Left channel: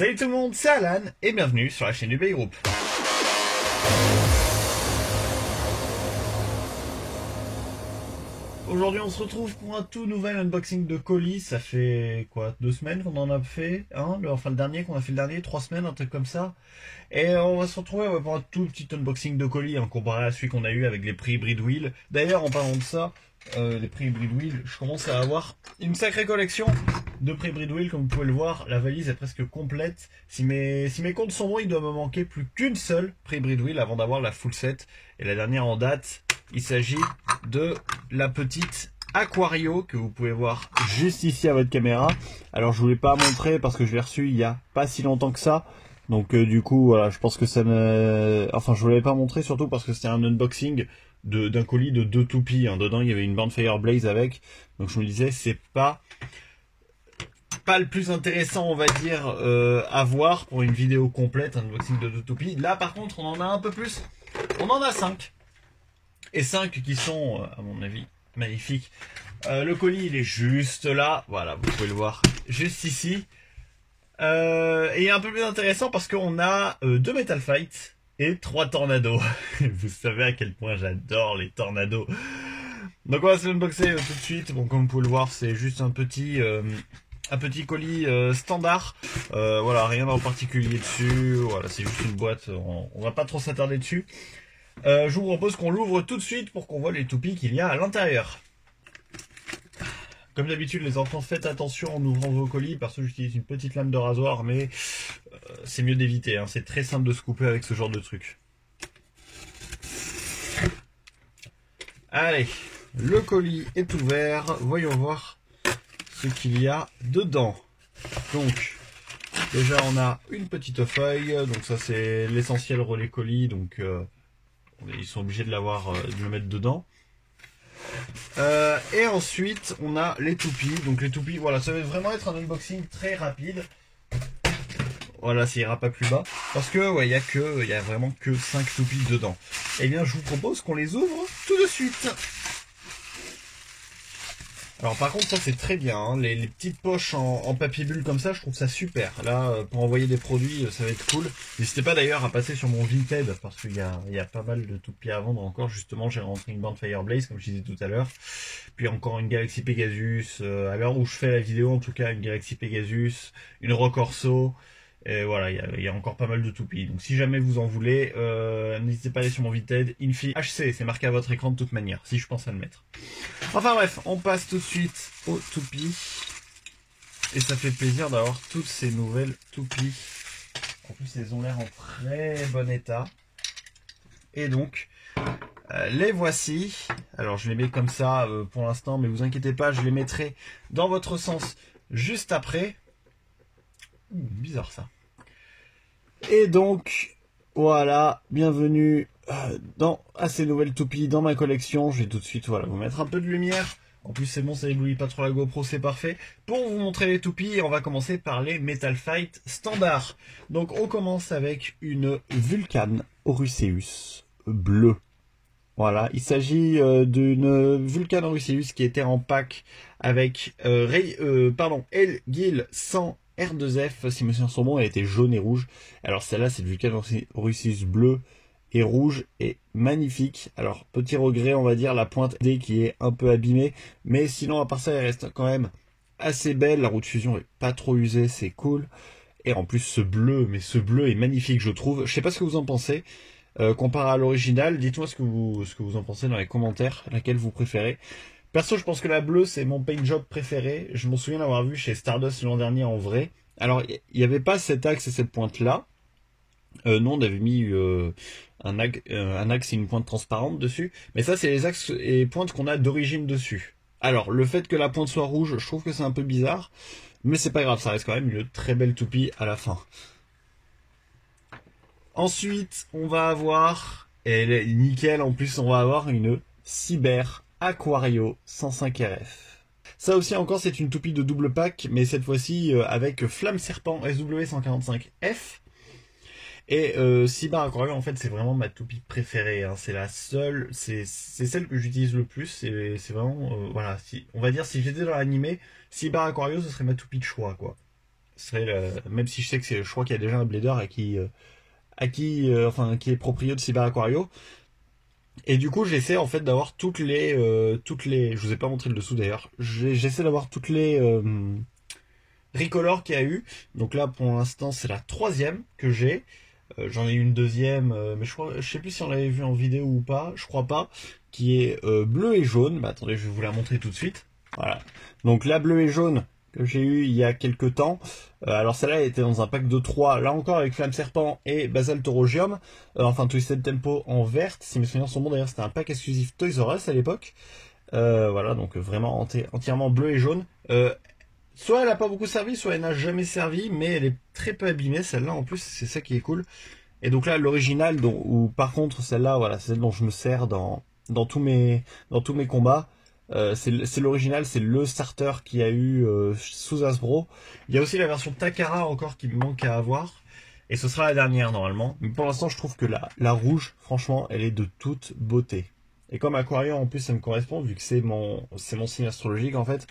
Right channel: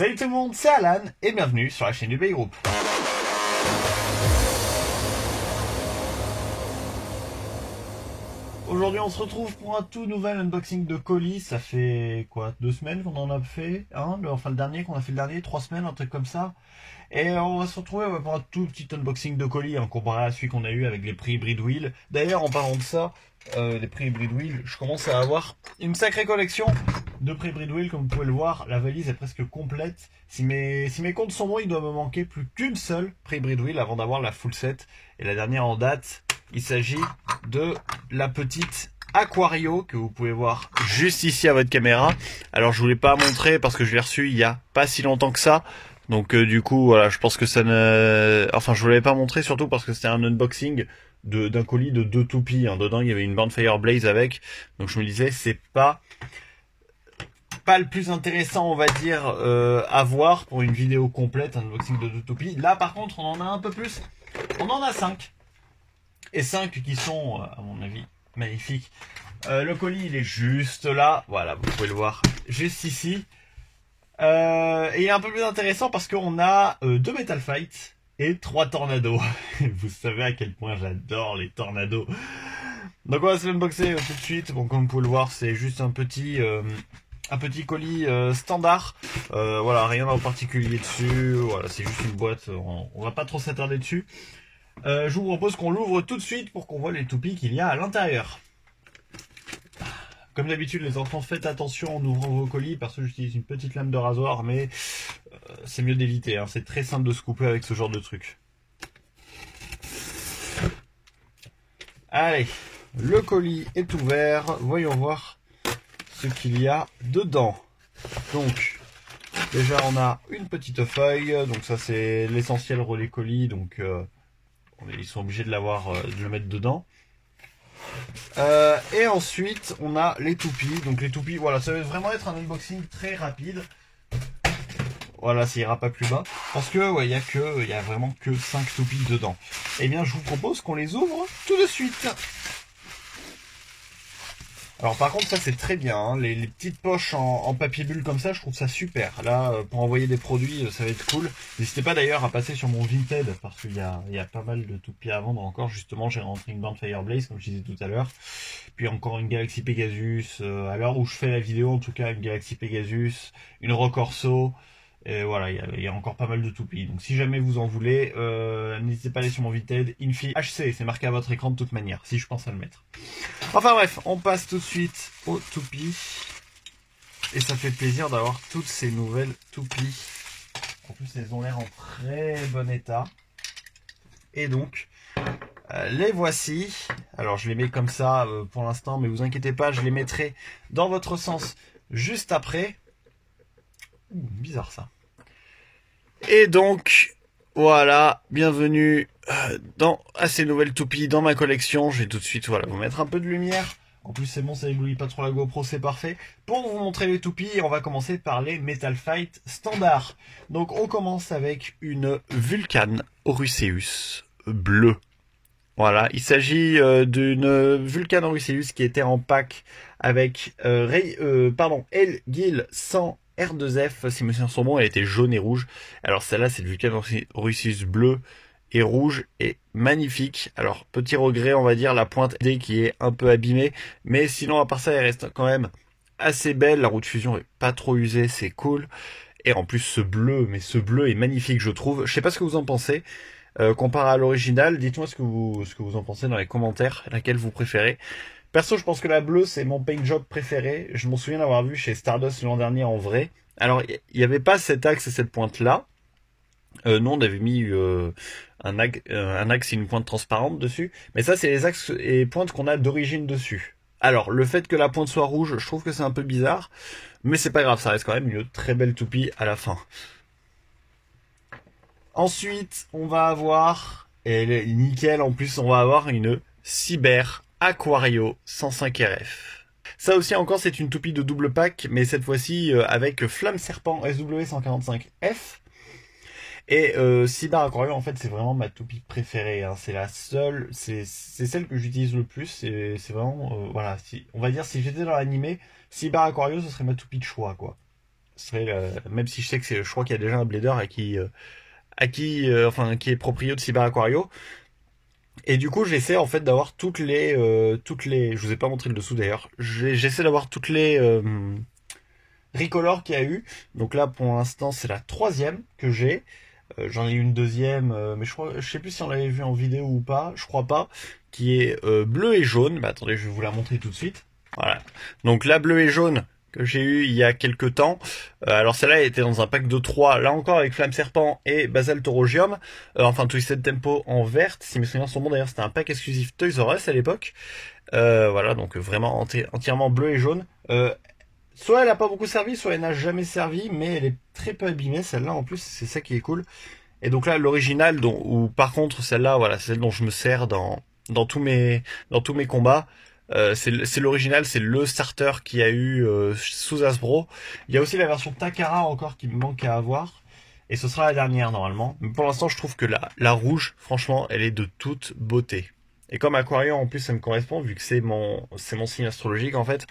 Salut tout le monde, c'est Alan et bienvenue sur la chaîne du Bay Group. Aujourd'hui on se retrouve pour un tout nouvel unboxing de colis. Ça fait quoi, 2 semaines qu'on en a fait, hein, enfin le dernier qu'on a fait, le dernier, 3 semaines, un truc comme ça. Et on va se retrouver pour un tout petit unboxing de colis, hein, comparé à celui qu'on a eu avec les prix Hybrid Wheel. D'ailleurs en parlant de ça, les prix Hybrid Wheel, je commence à avoir une sacrée collection de prix Hybrid Wheel. Comme vous pouvez le voir, la valise est presque complète. Si mes comptes sont bons, il doit me manquer plus qu'une seule prix Hybrid Wheel avant d'avoir la full set. Et la dernière en date, il s'agit de la petite Aquario que vous pouvez voir juste ici à votre caméra. Alors je voulais pas montrer parce que je l'ai reçu il y a pas si longtemps que ça. Donc du coup voilà, je pense que ça ne... Enfin je voulais pas montrer surtout parce que c'était un unboxing d'un colis de 2 toupies. Hein. Dedans il y avait une bande Fireblaze avec. Donc je me disais c'est pas le plus intéressant on va dire à voir pour une vidéo complète, un unboxing de 2 toupies. Là par contre on en a un peu plus. On en a 5. Et 5 qui sont à mon avis magnifiques. Le colis il est juste là. Voilà, vous pouvez le voir juste ici. Et il est un peu plus intéressant parce qu'on a 2 Metal Fight et 3 Tornado. Vous savez à quel point j'adore les Tornados. Donc on va se unboxer tout de suite. Bon, comme vous pouvez le voir, c'est juste un petit colis standard. Voilà, rien en particulier dessus. Voilà, c'est juste une boîte. On va pas trop s'attarder dessus. Je vous propose qu'on l'ouvre tout de suite pour qu'on voit les toupies qu'il y a à l'intérieur. Comme d'habitude les enfants, faites attention en ouvrant vos colis parce que j'utilise une petite lame de rasoir, mais c'est mieux d'éviter, hein. C'est très simple de se couper avec ce genre de truc. Allez, le colis est ouvert, voyons voir ce qu'il y a dedans. Donc déjà on a une petite feuille, donc ça c'est l'essentiel relais colis, donc ils sont obligés de l'avoir, de le mettre dedans. Et ensuite on a les toupies. Donc les toupies, voilà, ça va vraiment être un unboxing très rapide. Voilà, ça ira pas plus bas parce que ouais, il y a vraiment que 5 toupies dedans. Et bien je vous propose qu'on les ouvre tout de suite. Alors par contre ça c'est très bien, hein, les petites poches en papier bulle comme ça, je trouve ça super. Là pour envoyer des produits ça va être cool. N'hésitez pas d'ailleurs à passer sur mon Vinted parce qu'il y a pas mal de toupies à vendre encore. Justement j'ai rentré une bande Fireblaze comme je disais tout à l'heure. Puis encore une Galaxy Pegasus, à l'heure où je fais la vidéo en tout cas, une Galaxy Pegasus, une Rock Orso. Et voilà, il y a encore pas mal de toupies. Donc si jamais vous en voulez, n'hésitez pas à aller sur mon Vinted. Infi HC, c'est marqué à votre écran de toute manière, si je pense à le mettre. Enfin bref, on passe tout de suite aux toupies. Et ça fait plaisir d'avoir toutes ces nouvelles toupies. En plus, elles ont l'air en très bon état. Et donc, les voici. Alors je les mets comme ça pour l'instant, mais vous inquiétez pas, je les mettrai dans votre sens juste après. Bizarre ça. Et donc voilà, bienvenue à ces nouvelles toupies dans ma collection. Je vais tout de suite vous mettre un peu de lumière. En plus c'est bon, ça éblouit pas trop la GoPro, c'est parfait. Pour vous montrer les toupies, on va commencer par les Metal Fight standard. Donc on commence avec une Vulcan Orusseus bleue. Voilà, il s'agit d'une Vulcan Orusseus qui était en pack avec Elgil 100 R2F, si mes souvenirs sont bons, elle était jaune et rouge. Alors celle-là, c'est le Vulcan Orusseus bleu et rouge, et magnifique. Alors petit regret, on va dire, la pointe D qui est un peu abîmée, mais sinon à part ça, elle reste quand même assez belle. La roue de fusion est pas trop usée, c'est cool. Et en plus ce bleu est magnifique, je trouve. Je sais pas ce que vous en pensez. Comparé à l'original, dites-moi ce que vous en pensez dans les commentaires, laquelle vous préférez. Perso, je pense que la bleue, c'est mon paint job préféré. Je m'en souviens d'avoir vu chez Stardust l'an dernier en vrai. Alors, il n'y avait pas cet axe et cette pointe-là. Nous, on avait mis un axe et une pointe transparente dessus. Mais ça, c'est les axes et pointes qu'on a d'origine dessus. Alors, le fait que la pointe soit rouge, je trouve que c'est un peu bizarre. Mais c'est pas grave, ça reste quand même une très belle toupie à la fin. Ensuite, on va avoir, et elle est nickel, en plus, on va avoir une Cyber Aquario 105 RF. Ça aussi encore c'est une toupie de double pack, mais cette fois-ci avec Flamme Serpent SW145F. Et Cyber Aquario en fait c'est vraiment ma toupie préférée, hein. C'est la seule, c'est celle que j'utilise le plus. C'est vraiment, voilà, on va dire si j'étais dans l'animé, Cyber Aquario ce serait ma toupie de choix quoi. même si je sais que je crois qu'il y a déjà un blader enfin, qui est proprio de Cyber Aquario. Et du coup, j'essaie en fait d'avoir toutes les, je vous ai pas montré le dessous d'ailleurs. J'essaie d'avoir toutes les Recolor qu'il y a eu. Donc là, pour l'instant, c'est la 3e que j'ai. J'en ai eu une 2e, mais je sais plus si on l'avait vu en vidéo ou pas. Je crois pas. Qui est bleu et jaune. Bah, attendez, je vais vous la montrer tout de suite. Voilà. Donc la bleu et jaune que j'ai eu il y a quelques temps. Alors celle-là était dans un pack de 3, là encore avec Flamme Serpent et Basaltorogium. Enfin Twisted Tempo en verte. Si mes souvenirs sont bons, d'ailleurs c'était un pack exclusif Toys R Us à l'époque. Voilà, donc vraiment entièrement bleu et jaune. Soit elle n'a pas beaucoup servi, soit elle n'a jamais servi, mais elle est très peu abîmée, celle-là en plus, c'est ça qui est cool. Et donc là, l'original, ou par contre celle-là, voilà, c'est celle dont je me sers dans tous mes combats. C'est l'original, c'est le starter qu'il y a eu sous Hasbro. Il y a aussi la version Takara encore qui me manque à avoir. Et ce sera la dernière normalement. Mais pour l'instant, je trouve que la rouge, franchement, elle est de toute beauté. Et comme Aquarium, en plus, ça me correspond, vu que c'est mon signe astrologique, en fait,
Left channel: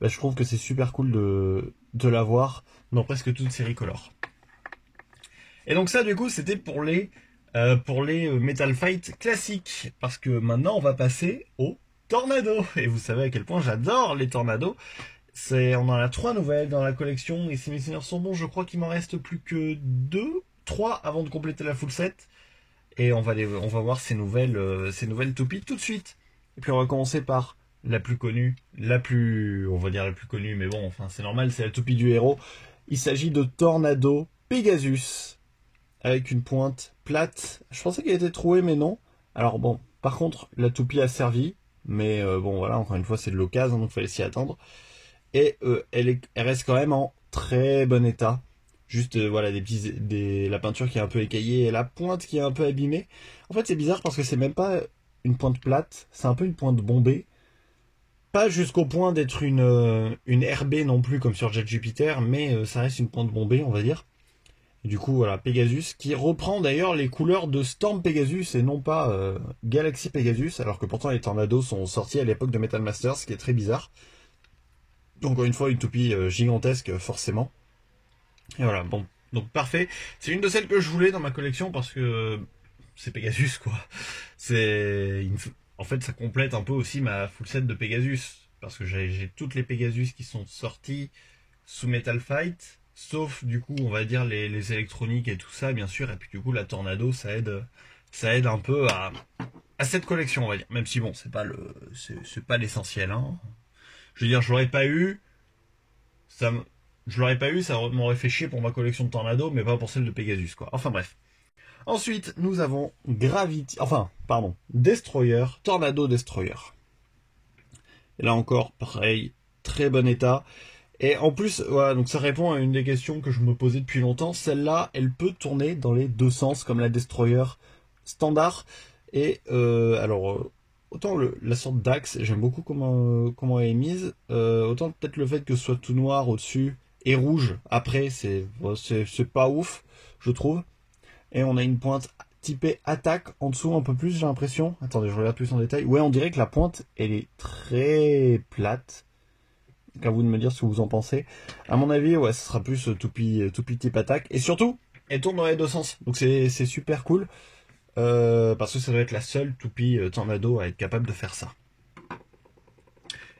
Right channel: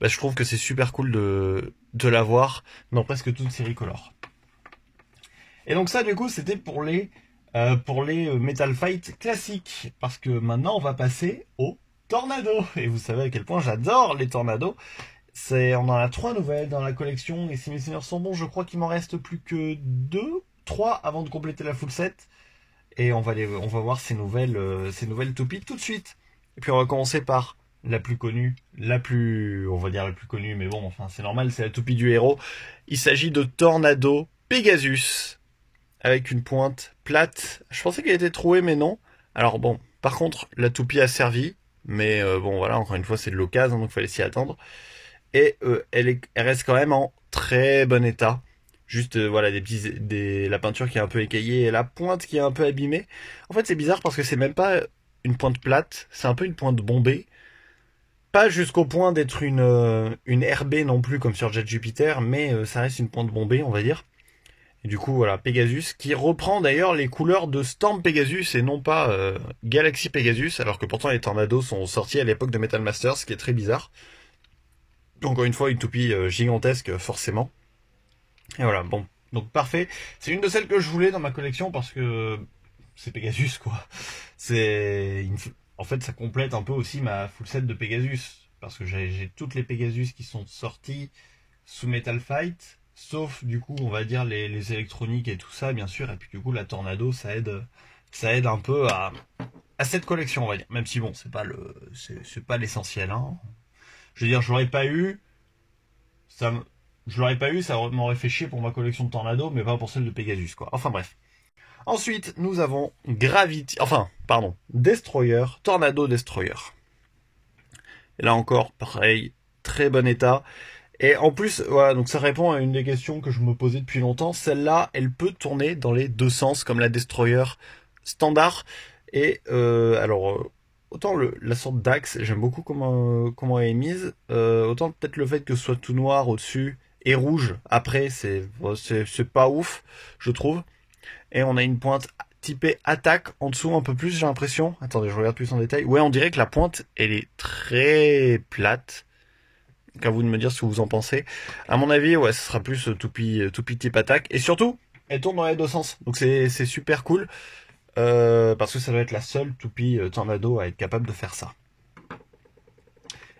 bah, je trouve que c'est super cool de l'avoir dans presque toutes ces Recolor. Et donc ça, du coup, c'était pour les Metal Fight classiques. Parce que maintenant, on va passer au Tornado. Et vous savez à quel point j'adore les tornados. On en a 3 nouvelles dans la collection. Et si mes seigneurs sont bons, je crois qu'il m'en reste plus que 3 avant de compléter la full set. Et on va voir ces nouvelles toupies tout de suite. Et puis on va commencer par la plus connue. On va dire la plus connue, mais bon, enfin c'est normal, c'est la toupie du héros. Il s'agit de Tornado Pegasus. Avec une pointe plate. Je pensais qu'elle était trouée, mais non. Alors bon, par contre, la toupie a servi. Mais bon, voilà, encore une fois, c'est de l'occasion, donc il fallait s'y attendre. Et elle reste quand même en très bon état. Juste, voilà, la peinture qui est un peu écaillée et la pointe qui est un peu abîmée. En fait, c'est bizarre parce que c'est même pas une pointe plate, c'est un peu une pointe bombée. Pas jusqu'au point d'être une RB non plus, comme sur Jet Jupiter, mais ça reste une pointe bombée, on va dire. Et du coup, voilà, Pegasus, qui reprend d'ailleurs les couleurs de Storm Pegasus et non pas Galaxy Pegasus, alors que pourtant les Tornados sont sortis à l'époque de Metal Masters, ce qui est très bizarre. Encore une fois, une toupie gigantesque, forcément. Et voilà, bon, donc parfait. C'est une de celles que je voulais dans ma collection parce que c'est Pegasus, quoi. En fait, ça complète un peu aussi ma full set de Pegasus, parce que j'ai toutes les Pegasus qui sont sorties sous Metal Fight. Sauf du coup on va dire les électroniques et tout ça bien sûr, et puis du coup la Tornado ça aide un peu à cette collection, on va dire, même si bon c'est pas l'essentiel, hein. Je veux dire, je l'aurais pas eu, ça m'aurait fait chier pour ma collection de Tornado, mais pas pour celle de Pegasus, quoi. Enfin bref. Ensuite nous avons Destroyer, Tornado Destroyer. Et là encore pareil, très bon état. Et en plus, voilà, donc ça répond à une des questions que je me posais depuis longtemps. Celle-là, elle peut tourner dans les deux sens, comme la Destroyer standard. Et autant la sorte d'axe, j'aime beaucoup comment elle est mise. Autant peut-être le fait que ce soit tout noir au-dessus et rouge après, c'est pas ouf, je trouve. Et on a une pointe typée attaque en dessous un peu plus, j'ai l'impression. Attendez, je regarde plus en détail. Ouais, on dirait que la pointe, elle est très plate. À vous de me dire ce que vous en pensez. À mon avis, ouais, ce sera plus toupie type attaque. Et surtout, elle tourne dans les deux sens. Donc c'est super cool. Parce que ça doit être la seule toupie Tornado à être capable de faire ça.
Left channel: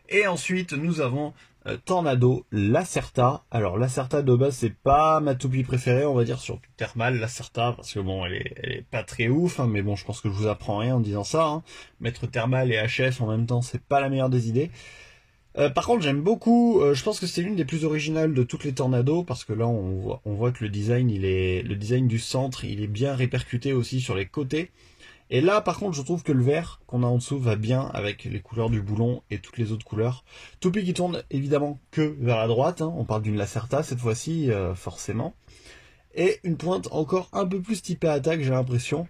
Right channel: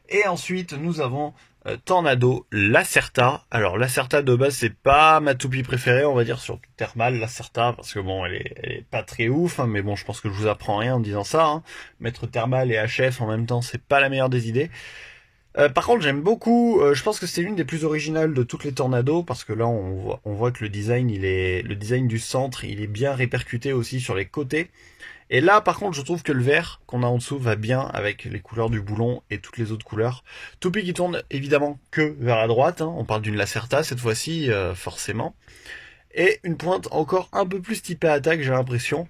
Et ensuite, nous avons Tornado Lacerta. Alors Lacerta de base, c'est pas ma toupie préférée, on va dire, sur Thermal, Lacerta, parce que bon, elle est pas très ouf, hein, mais bon, je pense que je vous apprends rien en disant ça, hein. Mettre Thermal et HF en même temps, c'est pas la meilleure des idées. Par contre, j'aime beaucoup, je pense que c'est l'une des plus originales de toutes les Tornados, parce que là, on voit que le design du centre, il est bien répercuté aussi sur les côtés. Et là, par contre, je trouve que le vert qu'on a en dessous va bien avec les couleurs du boulon et toutes les autres couleurs. Toupie qui tourne évidemment que vers la droite, hein. On parle d'une Lacerta cette fois-ci, forcément. Et une pointe encore un peu plus typée attaque, j'ai l'impression.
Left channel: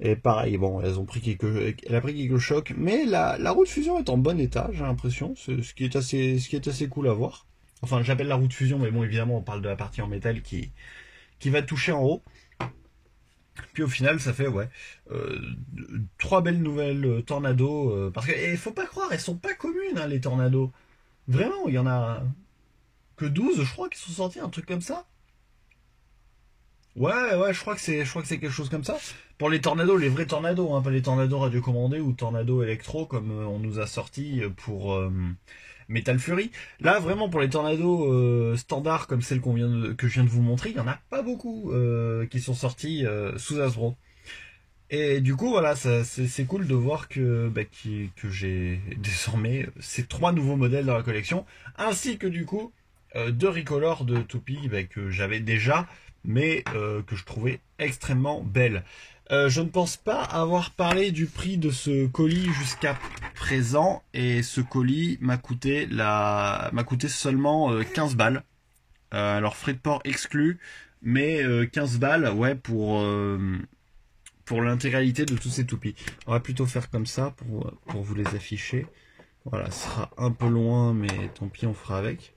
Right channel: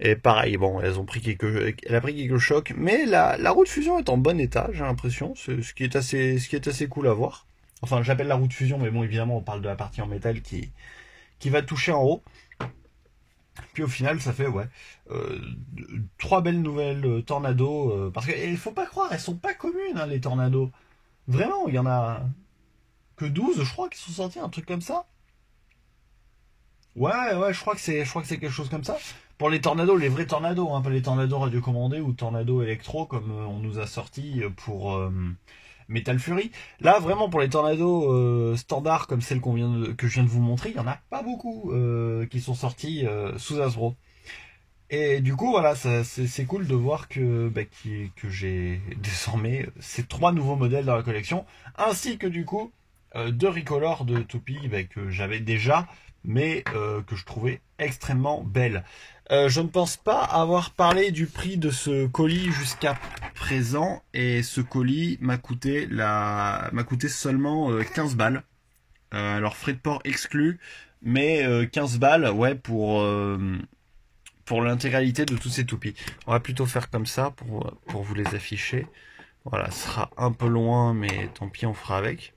Et pareil, bon, elle a pris quelques chocs, mais la roue de fusion est en bon état, j'ai l'impression, ce qui est assez cool à voir. Enfin, j'appelle la roue de fusion, mais bon, évidemment, on parle de la partie en métal qui va toucher en haut. Puis au final, ça fait, ouais, 3 belles nouvelles Tornado, parce que, faut pas croire, elles sont pas communes, hein, les Tornados. Vraiment, il y en a que 12, je crois, qui sont sortis, un truc comme ça. Ouais, ouais, je crois que c'est quelque chose comme ça. Pour les tornados, les vrais tornados, hein, pas les tornados radiocommandés ou tornados électro comme on nous a sorti pour Metal Fury. Là, vraiment, pour les tornados standards comme celle que je viens de vous montrer, il y en a pas beaucoup qui sont sortis sous Hasbro. Et du coup, voilà, c'est cool de voir que j'ai désormais ces 3 nouveaux modèles dans la collection, ainsi que du coup 2 recolors de toupies que j'avais déjà, mais que je trouvais extrêmement belles. Je ne pense pas avoir parlé du prix de ce colis jusqu'à présent, et ce colis m'a coûté seulement 15 balles. Alors frais de port exclus, mais 15 balles, ouais, pour l'intégralité de tous ces toupies. On va plutôt faire comme ça pour vous les afficher. Voilà, ce sera un peu loin, mais tant pis, on fera avec.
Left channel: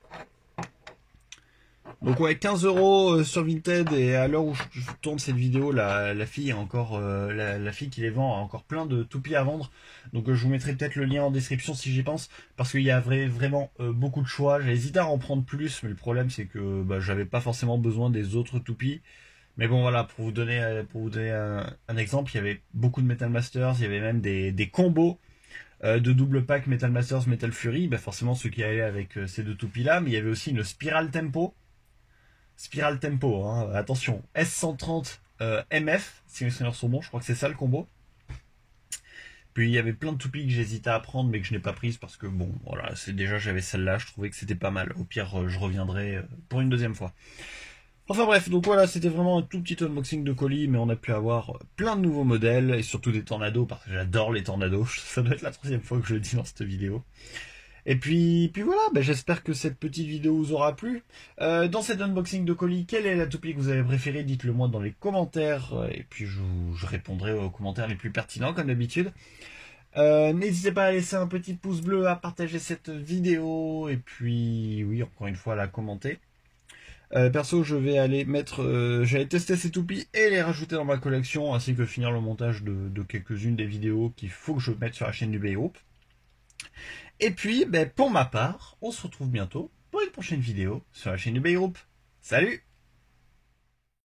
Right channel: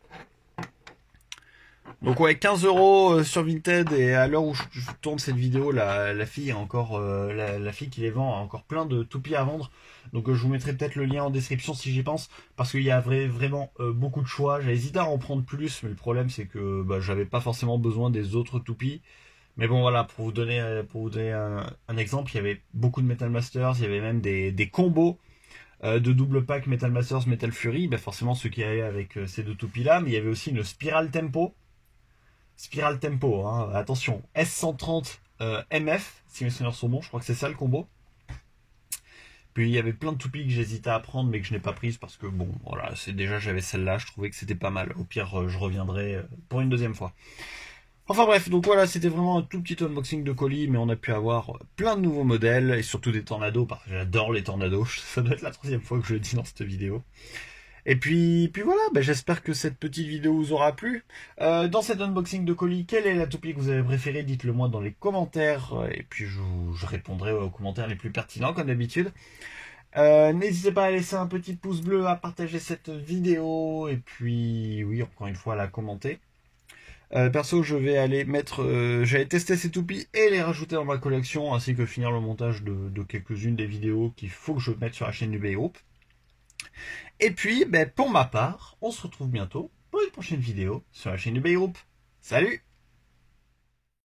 Donc ouais, 15 € sur Vinted, et à l'heure où je tourne cette vidéo, la fille a encore, la fille qui les vend a encore plein de toupies à vendre. Donc je vous mettrai peut-être le lien en description si j'y pense, parce qu'il y a vraiment beaucoup de choix. J'ai hésité à en prendre plus, mais le problème c'est que j'avais pas forcément besoin des autres toupies. Mais bon voilà, pour vous donner un exemple, il y avait beaucoup de Metal Masters, il y avait même des combos de double pack Metal Masters, Metal Fury, forcément ceux qui allaient avec ces 2 toupies là, mais il y avait aussi une Spiral Tempo. Spiral Tempo, hein, attention, S130 MF, si mes souvenirs sont bons, je crois que c'est ça le combo. Puis il y avait plein de toupies que j'hésitais à prendre mais que je n'ai pas prises parce que bon, voilà, déjà j'avais celle-là, je trouvais que c'était pas mal. Au pire, je reviendrai pour une deuxième fois. Enfin bref, donc voilà, c'était vraiment un tout petit unboxing de colis, mais on a pu avoir plein de nouveaux modèles, et surtout des tornados, parce que j'adore les tornados. Ça doit être la 3e fois que je le dis dans cette vidéo. Et puis voilà, j'espère que cette petite vidéo vous aura plu. Dans cet unboxing de colis, quelle est la toupie que vous avez préférée? Dites-le moi dans les commentaires, et puis je répondrai aux commentaires les plus pertinents comme d'habitude. N'hésitez pas à laisser un petit pouce bleu, à partager cette vidéo, et puis oui, encore une fois à la commenter. Perso, je vais aller j'allais tester ces toupies et les rajouter dans ma collection, ainsi que finir le montage de quelques-unes des vidéos qu'il faut que je mette sur la chaîne du Bay Group. Et puis, pour ma part, on se retrouve bientôt pour une prochaine vidéo sur la chaîne du Bay Group. Salut!